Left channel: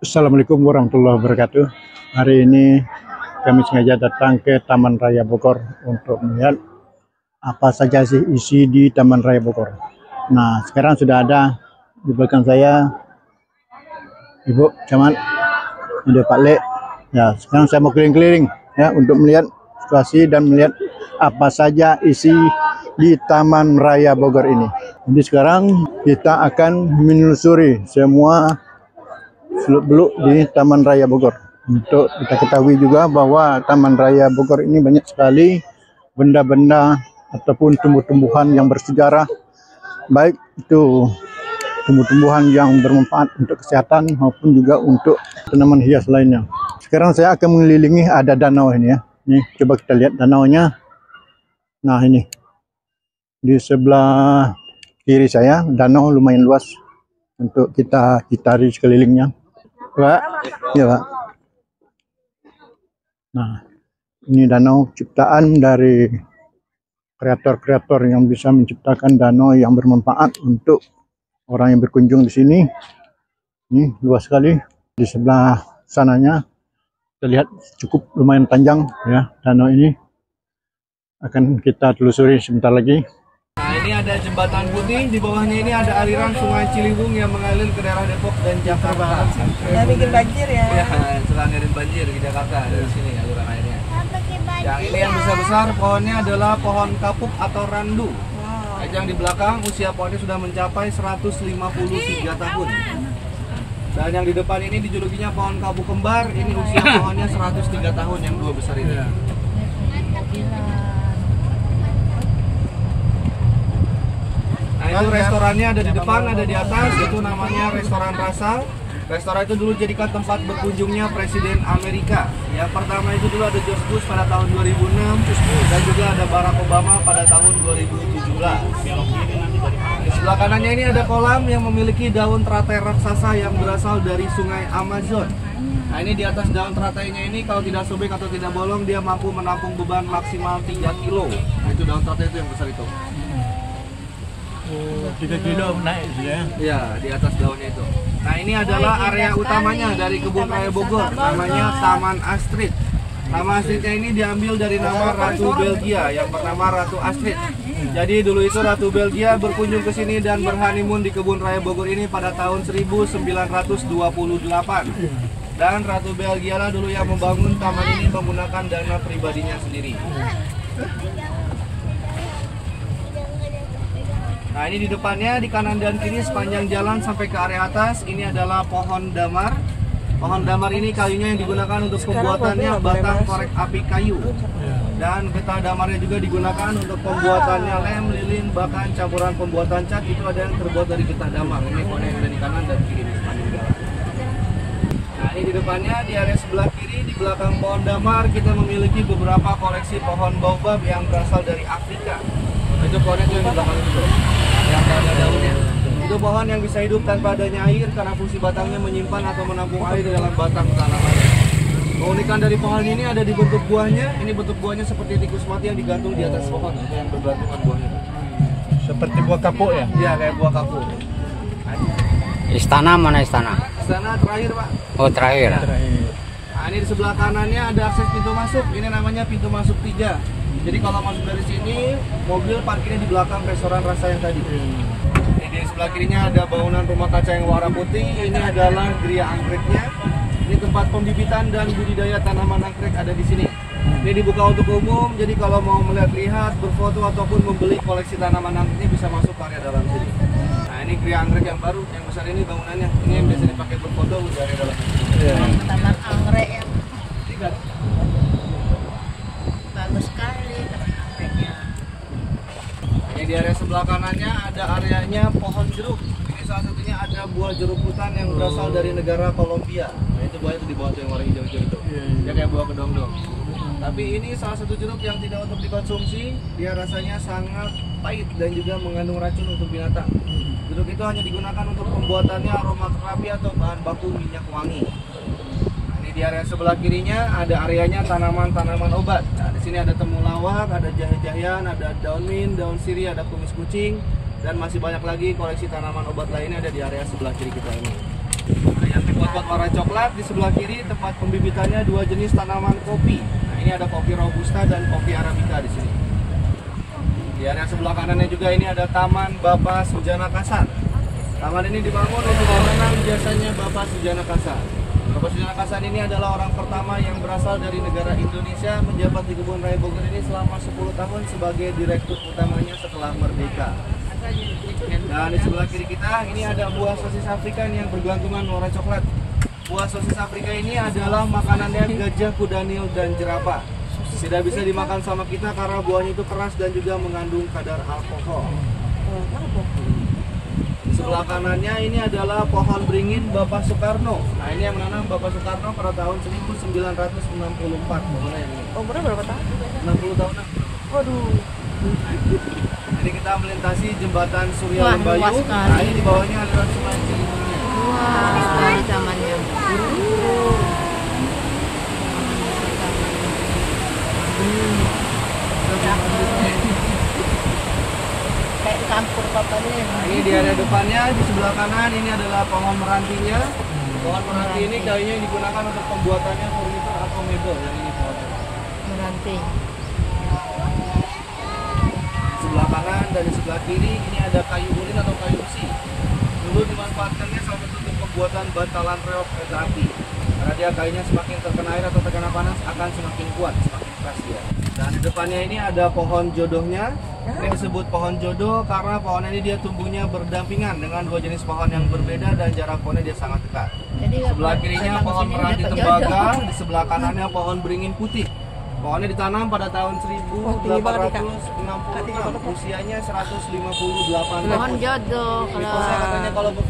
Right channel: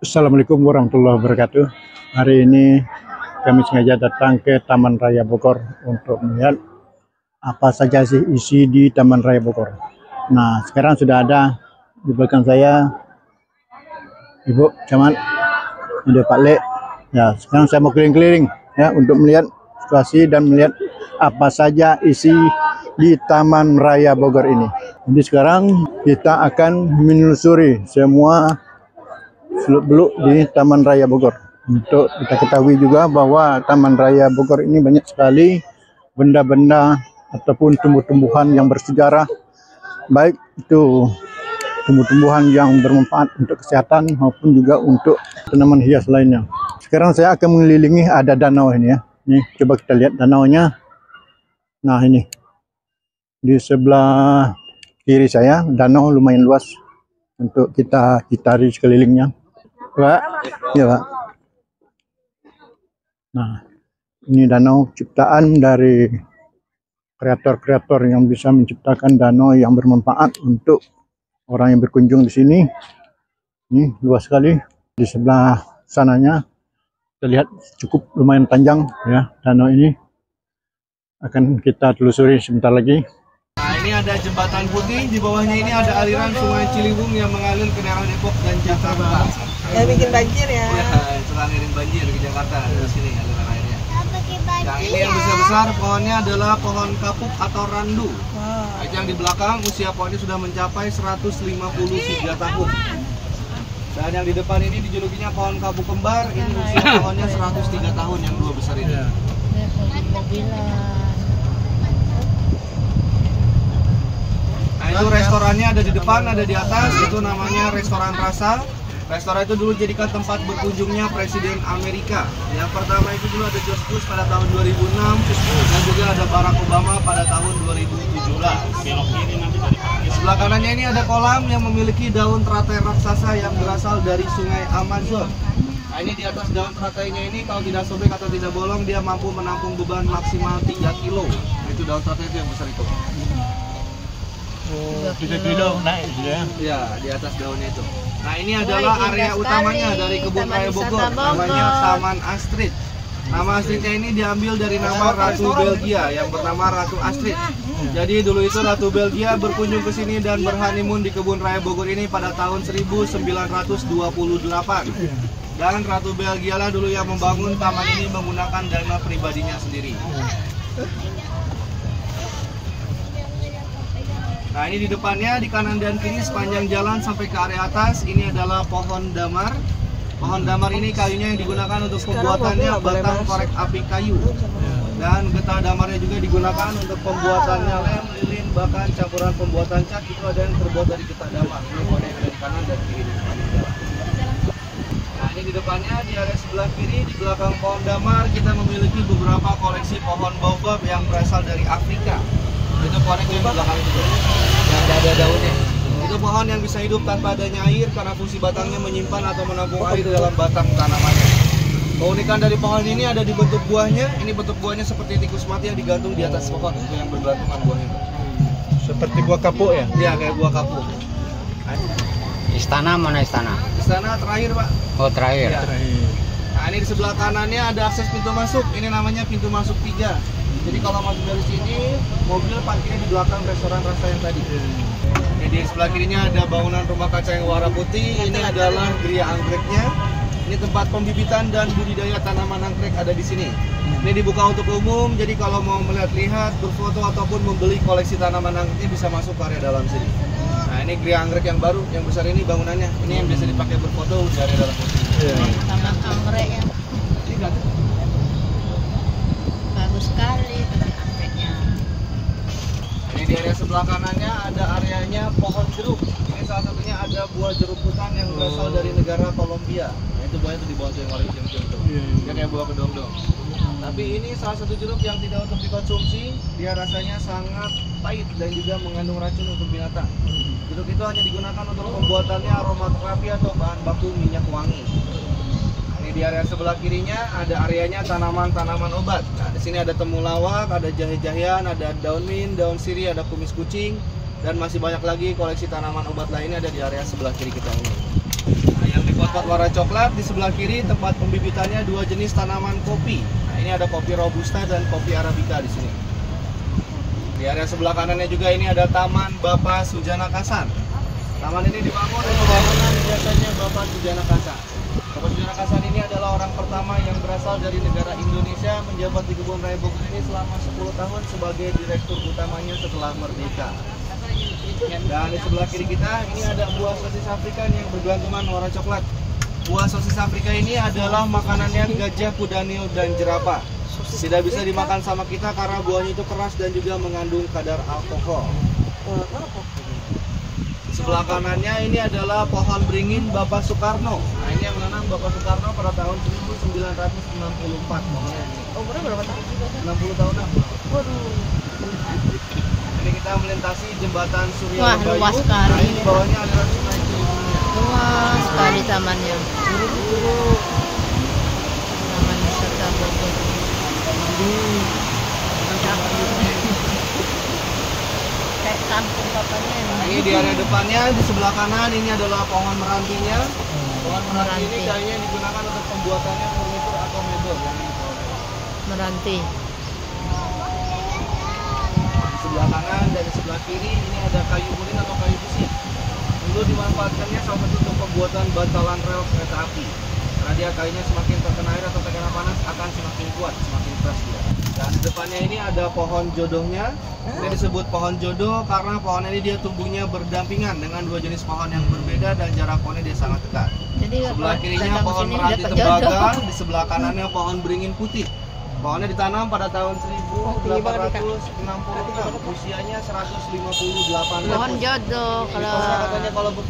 Assalamualaikum warahmatullahi wabarakatuh. Hari ini kami sengaja datang ke Taman Raya Bogor untuk melihat apa saja sih isi di Taman Raya Bogor. Nah, sekarang sudah ada di belakang saya Ibu Camat, ada Pak Le. Ya, sekarang saya mau keliling-keliling ya untuk melihat situasi dan melihat apa saja isi di Taman Raya Bogor ini. Jadi sekarang kita akan menelusuri semua seluk-beluk di Taman Raya Bogor. Untuk kita ketahui juga bahwa Taman Raya Bogor ini banyak sekali benda-benda ataupun tumbuh-tumbuhan yang bersejarah, baik itu tumbuh-tumbuhan yang bermanfaat untuk kesehatan maupun juga untuk tanaman hias lainnya. Sekarang saya akan mengelilingi, ada danau ini ya. Nih, coba kita lihat danaunya. Nah, ini di sebelah kiri saya, danau lumayan luas untuk kita kitari sekelilingnya. Pak, ya Pak. Nah, ini danau ciptaan dari kreator-kreator yang bisa menciptakan danau yang bermanfaat untuk orang yang berkunjung di sini. Ini luas sekali. Di sebelah sananya kita lihat cukup lumayan panjang ya danau ini. Akan kita telusuri sebentar lagi. Nah, ini ada jembatan putih, di bawahnya ini ada aliran Sungai Ciliwung yang mengalir ke daerah Depok dan Jakarta. Udah bikin banjir ya? Ya, suka ngirim banjir ke Jakarta dari sini aliran airnya. Yang ini yang besar-besar pohonnya adalah pohon kapuk atau randu. Nah, yang di belakang usia pohonnya sudah mencapai 153 tahun. Dan yang di depan ini dijulukinya pohon kapuk kembar, ini usia pohonnya 103 tahun yang dua besar ini. Nah, itu restorannya ada di depan, ada di atas, itu namanya Restoran Rasa. Restoran itu dulu jadikan tempat berkunjungnya Presiden Amerika. Yang pertama itu dulu ada George Bush pada tahun 2006, dan juga ada Barack Obama pada tahun 2017. Di sebelah kanannya ini ada kolam yang memiliki daun teratai raksasa yang berasal dari sungai Amazon. Nah, ini di atas daun teratainya ini kalau tidak sobek atau tidak bolong, dia mampu menampung beban maksimal 3 kilo. Nah, itu daun teratai itu yang besar itu. Oh, 3 kilo naik ya. Ya, di atas daunnya itu. Nah, ini adalah area utamanya dari Kebun Raya Bogor, namanya Taman Astrid. Nama Astridnya ini diambil dari nama Ratu Belgia yang bernama Ratu Astrid. Jadi dulu itu Ratu Belgia berkunjung ke sini dan berhanimun di Kebun Raya Bogor ini pada tahun 1928. Dan Ratu Belgia lah dulu yang membangun taman ini menggunakan dana pribadinya sendiri. Nah, ini di depannya, di kanan dan kiri sepanjang jalan sampai ke area atas, ini adalah pohon damar. Pohon damar ini kayunya yang digunakan untuk pembuatannya batang korek api kayu. Dan getah damarnya juga digunakan untuk pembuatannya lem, lilin, bahkan campuran pembuatan cat itu ada yang terbuat dari getah damar. Ini pohon yang ada di kanan dan kiri di sepanjang jalan. Nah, ini di depannya, di area sebelah kiri, di belakang pohon damar, kita memiliki beberapa koleksi pohon baobab yang berasal dari Afrika. Itu pohonnya itu yang di belakang itu, yang ada daunnya. Itu pohon yang bisa hidup tanpa adanya air karena fungsi batangnya menyimpan atau menampung air di dalam batang tanamannya. Keunikan dari pohon ini ada di bentuk buahnya. Ini bentuk buahnya seperti tikus mati yang digantung di atas pohon, itu yang bergantungan buahnya. Seperti buah kapuk ya? Iya, kayak buah kapuk. Istana mana istana? Istana terakhir, Pak. Oh terakhir. Nah, ini di sebelah kanannya ada akses pintu masuk. Ini namanya pintu masuk 3. Jadi kalau masuk dari sini, mobil parkirnya di belakang Restoran Rasa yang tadi. Ini di sebelah kirinya ada bangunan rumah kaca yang warna putih. Ini adalah geria anggreknya. Ini tempat pembibitan dan budidaya tanaman anggrek ada di sini. Ini dibuka untuk umum, jadi kalau mau melihat-lihat, berfoto ataupun membeli koleksi tanaman anggreknya bisa masuk ke area dalam sini. Nah, ini geria anggrek yang baru, yang besar ini bangunannya. Ini yang biasa dipakai berfoto dari dalam. Taman anggrek yang bagus sekali, taman anggreknya. Ini di area sebelah kanannya ada areanya pohon jeruk. Ini salah satunya ada buah jeruk hutan yang berasal dari negara Kolombia. Nah, itu buahnya di bawah yang warna hijau-hijau itu. Dia kayak buah kedong-dong. Tapi ini salah satu jeruk yang tidak untuk dikonsumsi. Dia rasanya sangat pahit dan juga mengandung racun untuk binatang. Jeruk itu hanya digunakan untuk pembuatannya aromaterapi atau bahan baku minyak wangi. Di area sebelah kirinya ada areanya tanaman-tanaman obat. Nah, di sini ada temulawak, ada jahe-jahean, ada daun mint, daun sirih, ada kumis kucing, dan masih banyak lagi koleksi tanaman obat lainnya ada di area sebelah kiri kita ini. Nah, yang di bawah pot warna coklat. Di sebelah kiri tempat pembibitannya dua jenis tanaman kopi. Nah, ini ada kopi robusta dan kopi arabica di sini. Di area sebelah kanannya juga ini ada Taman Bapak Sujana Kasar. Taman ini dibangun dengan jasanya Bapak Sujana Kasar. Bapak Sujana Kasar ini adalah orang pertama yang berasal dari negara Indonesia menjabat di Kebun Raya Bogor ini selama 10 tahun sebagai direktur utamanya setelah merdeka. Dan di sebelah kiri kita ini ada buah sosis Afrika yang bergelantungan warna coklat. Buah sosis Afrika ini adalah makanannya gajah, kudanil, dan jerapah. Tidak bisa dimakan sama kita karena buahnya itu keras dan juga mengandung kadar alkohol. Di sebelah kanannya ini adalah pohon beringin Bapak Soekarno. Nah, ini yang menanam Bapak Soekarno pada tahun 1964. Umurnya berapa tahun? 60 tahun. Waduh. Jadi kita melintasi jembatan Surya Wah, Lembayu. luas sekali. Nah, ini di bawahnya adalah Sungai Ciliwung. Luas sekali tamannya. Kayak kampung papanya. Ini di area depannya, di sebelah kanan ini adalah pohon merantinya. Pohon meranti ini kayaknya digunakan untuk pembuatannya furnitur atau mebel yang ini. Meranti. Di sebelah kanan dan di sebelah kiri ini ada kayu ulin atau kayu besi. Dulu dimanfaatkannya salah satu untuk pembuatan bantalan rel kereta api. Karena dia kayunya semakin terkena air atau terkena panas akan semakin kuat, semakin keras dia. Dan di depannya ini ada pohon jodohnya. Ini disebut pohon jodoh karena pohon ini dia tumbuhnya berdampingan dengan dua jenis pohon yang berbeda dan jarak pohonnya dia sangat dekat. Jadi Sebelah kirinya pohon meranti tembaga, di sebelah kanannya pohon beringin putih. Pohonnya ditanam pada tahun 1866, usianya 158 pohon jodoh kalau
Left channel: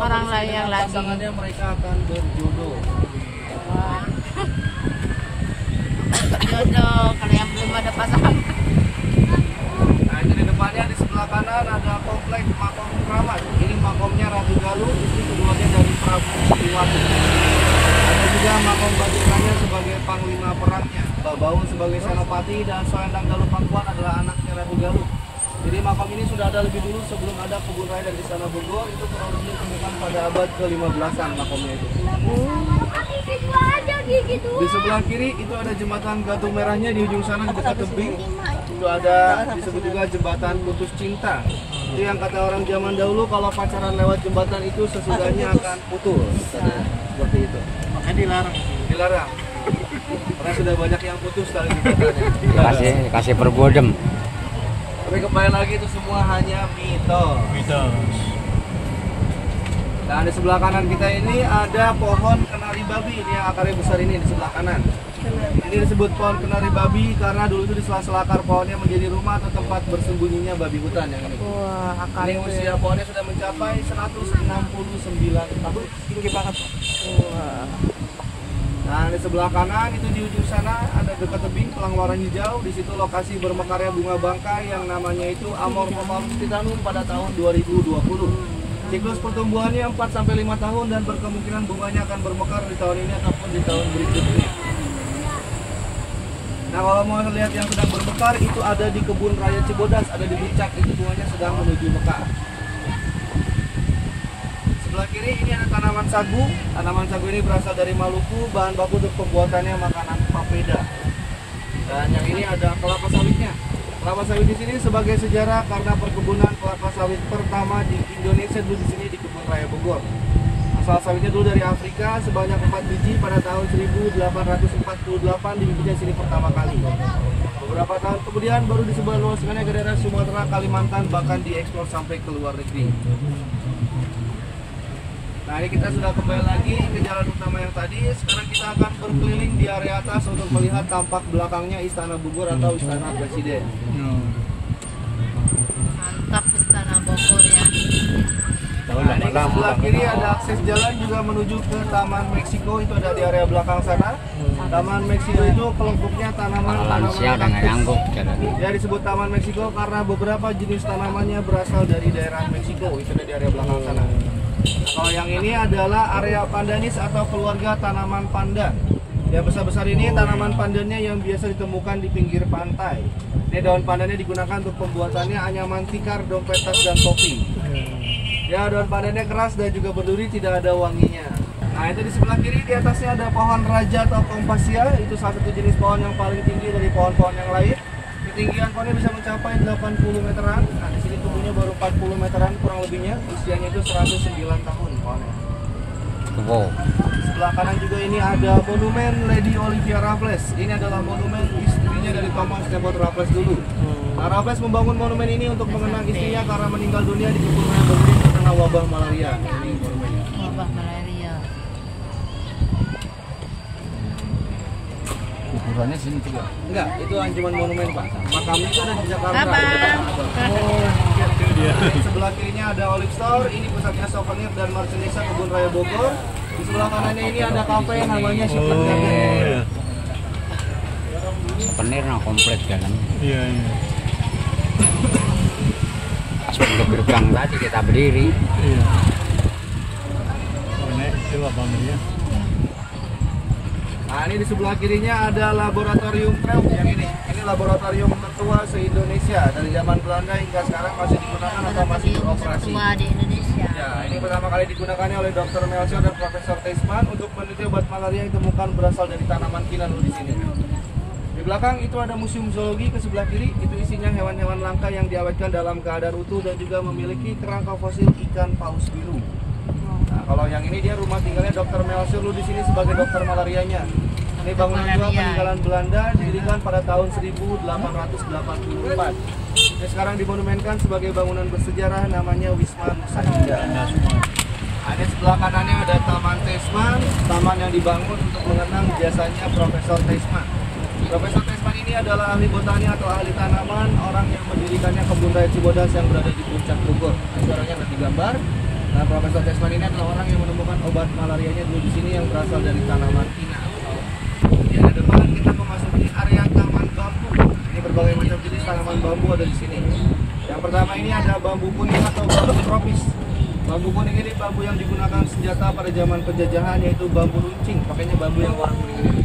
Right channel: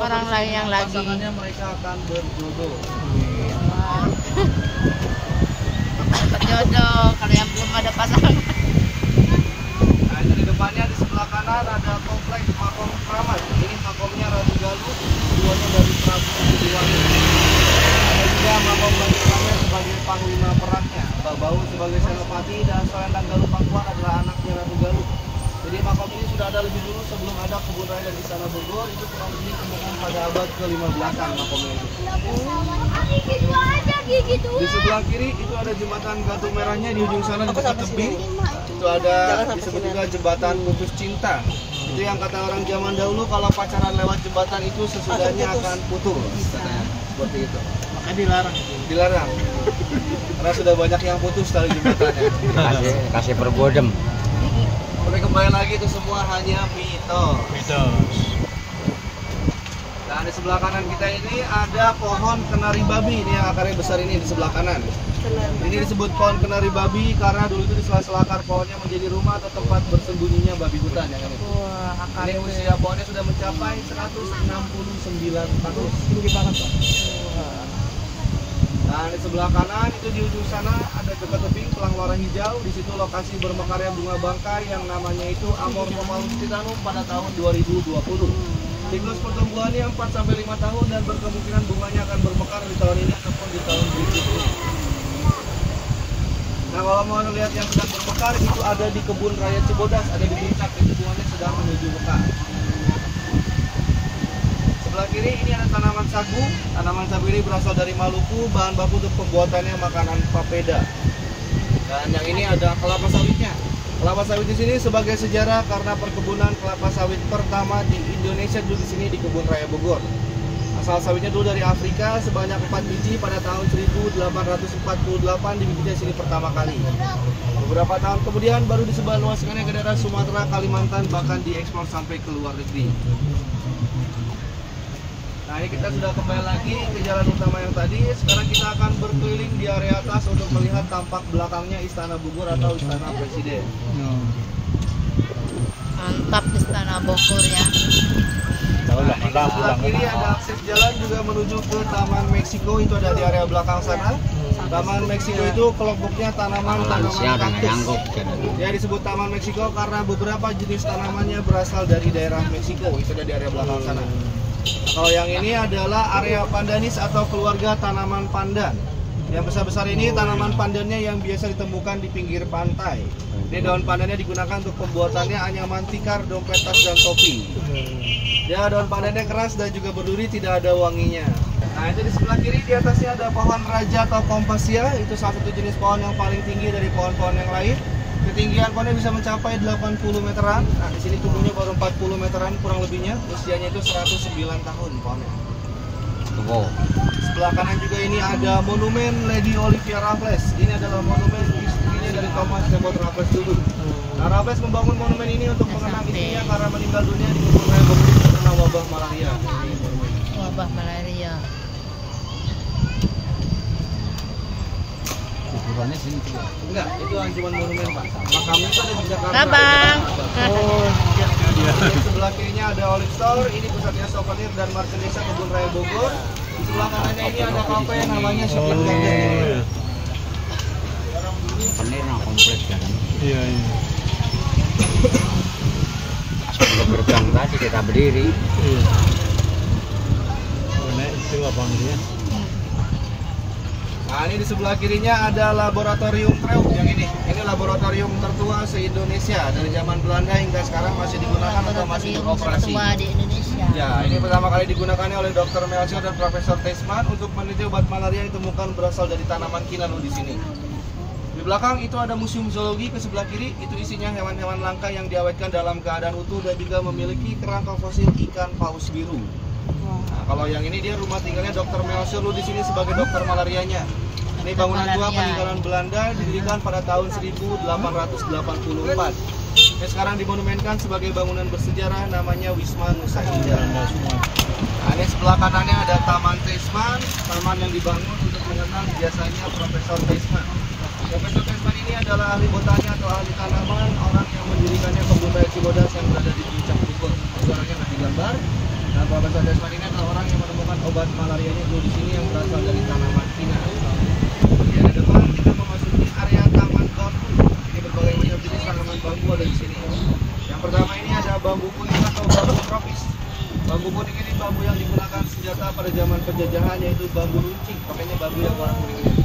orang lain yang lagi. pasangannya mereka akan berjodoh. Jodoh kalau yang belum ada pasangan. Nah, jadi depannya di sebelah kanan ada komplek makom keramat. Ini makomnya Ratu Galuh, keduanya dari Prabu Siliwangi. Ada juga makom Batu Ramil sebagai panglima perangnya. Mbak Bau sebagai senopati dan Selendang Galuh Pangkuan adalah anaknya Ratu Galuh. Jadi makam ini sudah ada lebih dulu sebelum ada Kebun Raya dan Istana Bogor. Itu kurang lebih ditemukan pada abad ke-15an makamnya itu. Di sebelah kiri itu ada jembatan Batu Merahnya di ujung sana di dekat tebing. Itu ada disebut juga jembatan putus cinta. Itu yang kata orang zaman dahulu kalau pacaran lewat jembatan itu sesudahnya akan putus. Seperti itu. Makanya dilarang itu. Dilarang. Karena sudah banyak yang putus kali jembatannya. kasih perbodem. Tapi kembali lagi itu semua hanya mitos. Nah, di sebelah kanan kita ini ada pohon kenari babi. Ini yang akarnya besar ini di sebelah kanan. Ini disebut pohon kenari babi karena dulu itu di sela-sela akar pohonnya menjadi rumah atau tempat bersembunyinya babi hutan yang ini. Ini usia pohonnya sudah mencapai 169 tahun. Tinggi banget, Pak. Nah, di sebelah kanan itu di ujung sana ada dekat tebing pelang warna hijau. Di situ lokasi bermekarnya bunga bangkai yang namanya itu Amorphophallus titanum pada tahun 2020. Siklus pertumbuhannya 4-5 tahun dan berkemungkinan bunganya akan bermekar di tahun ini ataupun di tahun berikutnya. Nah, kalau mau lihat yang sedang bermekar itu ada di Kebun Raya Cibodas, ada di puncak, itu bunganya sedang menuju mekar. Sebelah kiri ini ada tanaman sagu. Tanaman sagu ini berasal dari Maluku, bahan baku untuk pembuatannya makanan papeda. Dan yang ini ada kelapa sawitnya. Kelapa sawit di sini sebagai sejarah karena perkebunan kelapa sawit pertama di Indonesia dulu di sini di Kebun Raya Bogor. Asal sawitnya dulu dari Afrika sebanyak 4 biji pada tahun 1848 dibikinnya sini pertama kali. Beberapa tahun kemudian baru disebarluaskannya ke daerah Sumatera, Kalimantan, bahkan diekspor sampai ke luar negeri. Nah, ini kita sudah kembali lagi ke jalan utama yang tadi. Sekarang kita akan berkeliling di area atas untuk melihat tampak belakangnya Istana Bogor atau Istana Presiden. Mantap Istana Bogor ya. Tahu Nah, di sebelah kiri ada akses jalan juga menuju ke Taman Meksiko, itu ada di area belakang sana. Taman Meksiko itu kelompoknya tanaman kaktus. Ya, disebut Taman Meksiko karena beberapa jenis tanamannya berasal dari daerah Meksiko, itu ada di area belakang sana. Kalau yang ini adalah area pandanis atau keluarga tanaman pandan. Yang besar-besar ini tanaman pandannya yang biasa ditemukan di pinggir pantai. Ini daun pandannya digunakan untuk pembuatannya anyaman tikar, dompet, tas, dan topi. Ya, daun pandannya keras dan juga berduri, tidak ada wanginya. Nah itu di sebelah kiri di atasnya ada pohon raja atau kompasia. Itu salah satu jenis pohon yang paling tinggi dari pohon-pohon yang lain. Ketinggian pohonnya bisa mencapai 80 meteran. Nah di sini tumbuhnya baru 40 meteran kurang lebihnya. Usianya itu 109 tahun pohonnya. Wow. Sebelah kanan juga ini ada monumen Lady Olivia Raffles. Ini adalah monumen istrinya dari Thomas Stafford Raffles dulu. Nah, Raffles membangun monumen ini untuk mengenang istrinya karena meninggal dunia di kebun raya Bogor karena wabah malaria. Ini monumennya. Wabah malaria. Ukurannya sini juga. Enggak, itu cuma monumen Pak. Makamnya itu ada di Jakarta. Abang. Oh, dia. Di sebelah kirinya ada Olive Store, ini pusatnya souvenir dan merchandise kebun raya Bogor. Di sebelah kanannya ini ada kafe namanya Chocolate Garden. Oh, ya. Penir nah kompleks kan. Iya, iya. Sudah gerbang tadi kita berdiri. Iya. Oh, nek itu abang dia. Nah ini di sebelah kirinya ada laboratorium Krupp yang ini. Ini laboratorium tertua se-Indonesia dari zaman Belanda hingga sekarang masih digunakan atau masih Laboratorium beroperasi. tertua di Indonesia. Ya, ini pertama kali digunakan oleh Dr. Melchior dan Profesor Teisman untuk meneliti obat malaria yang ditemukan berasal dari tanaman kinan di sini. Di belakang itu ada museum zoologi ke sebelah kiri, itu isinya hewan-hewan langka yang diawetkan dalam keadaan utuh dan juga memiliki kerangka fosil ikan paus biru. Nah, kalau yang ini dia rumah tinggalnya Dr. Melchior di sini sebagai dokter malarianya. Ini bangunan tua peninggalan Belanda didirikan pada tahun 1884. Ini sekarang dimonumenkan sebagai bangunan bersejarah namanya Wisma Nusa Indah. Nah, ini sebelah kanannya ada Taman Teisman, taman yang dibangun untuk mengenang jasanya Profesor Teisman. Profesor Teisman ini adalah ahli botani atau ahli tanaman, orang yang mendirikannya kebun raya Cibodas yang berada di puncak Bogor. Itu orangnya yang digambar. Dan Profesor Teisman ini adalah orang yang menemukan obat malarianya dulu di sini yang berasal dari tanaman kina. Kemudian ada depan kita memasuki area taman bambu. Ini berbagai macam jenis tanaman bambu ada di sini. Yang pertama ini ada bambu kuning atau bambu tropis. Bambu kuning ini bambu yang digunakan senjata pada zaman penjajahan, yaitu bambu runcing, pakainya bambu yang warna kuning ini.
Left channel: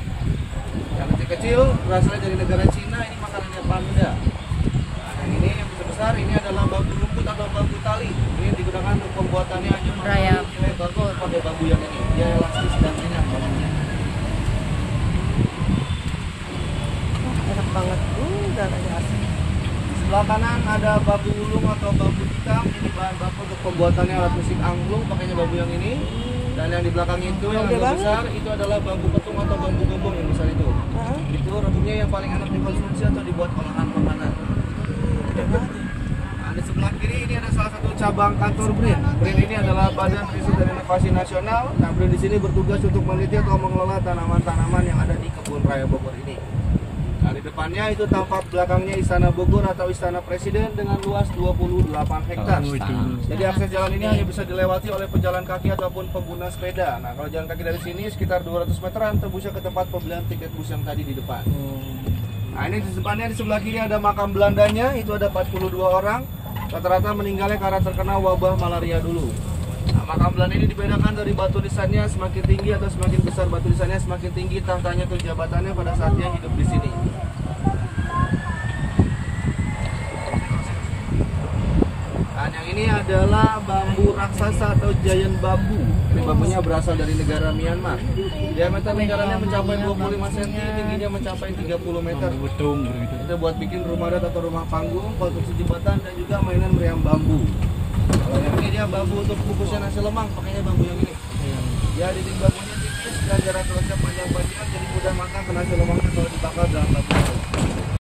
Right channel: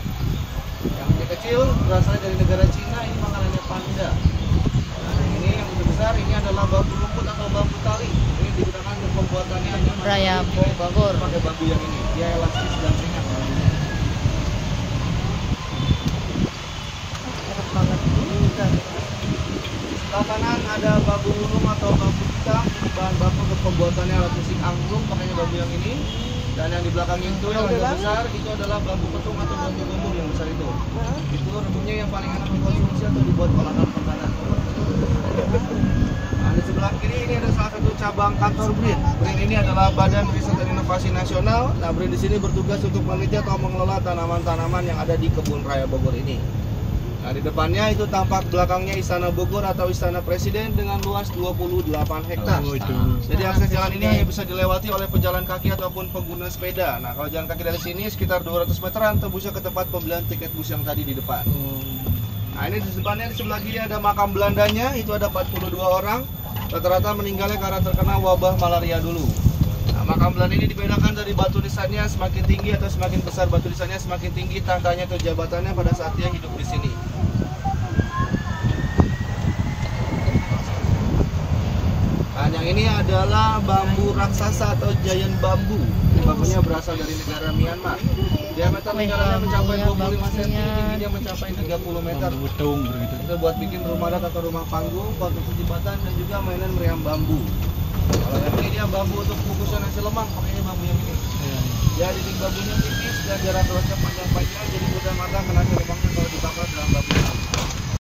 Yang kecil-kecil berasal dari negara Cina, ini makanannya panda. Nah, yang ini yang besar ini adalah bambu rumput atau bambu tali. Ini yang digunakan untuk pembuatannya hanya Raya Bogor. pakai bambu yang ini. Dia elastis dan ringan bambunya. Sebelah kanan ada bambu lumung atau bambu hitam, bahan baku untuk pembuatannya alat musik angklung, pakainya bambu yang ini. Dan yang di belakang itu yang agak besar itu adalah bambu petung atau bambu gombong yang besar itu. Itu rambutnya yang paling enak dikonsumsi atau dibuat olahan makanan. Nah, di sebelah kiri ini ada salah satu cabang kantor BRIN. BRIN ini adalah Badan Riset dan Inovasi Nasional. Nah, BRIN di sini bertugas untuk meneliti atau mengelola tanaman-tanaman yang ada di kebun raya Bogor ini. Nah, di depannya itu tampak belakangnya Istana Bogor atau Istana Presiden dengan luas 28 hektar. Oh, itu. Jadi akses jalan ini hanya bisa dilewati oleh pejalan kaki ataupun pengguna sepeda. Nah, kalau jalan kaki dari sini sekitar 200 meteran tembusnya ke tempat pembelian tiket bus yang tadi di depan. Nah, ini di depannya di sebelah kiri ada makam Belandanya, itu ada 42 orang. Rata-rata meninggalnya karena terkena wabah malaria dulu. Nah, makam Belanda ini dibedakan dari batu nisannya, semakin tinggi atau semakin besar batu nisannya, semakin tinggi tangkanya atau jabatannya pada saat dia hidup di sini. Nah, yang ini adalah bambu raksasa atau giant bambu. Ini bambunya berasal dari negara Myanmar. Diameter lingkarannya mencapai 25 cm, tingginya mencapai 30 meter. Bambu betung begitu. Itu buat bikin rumah adat atau rumah panggung, konstruksi jembatan, dan juga mainan meriam bambu. Kalau yang ini dia bambu untuk kukusan nasi lemang, pakainya bambu yang ini. Ya, dinding bambunya tipis dan jarak kerasnya panjang-panjang, jadi mudah matang ke nasi lemang kalau dibakar dalam bambu.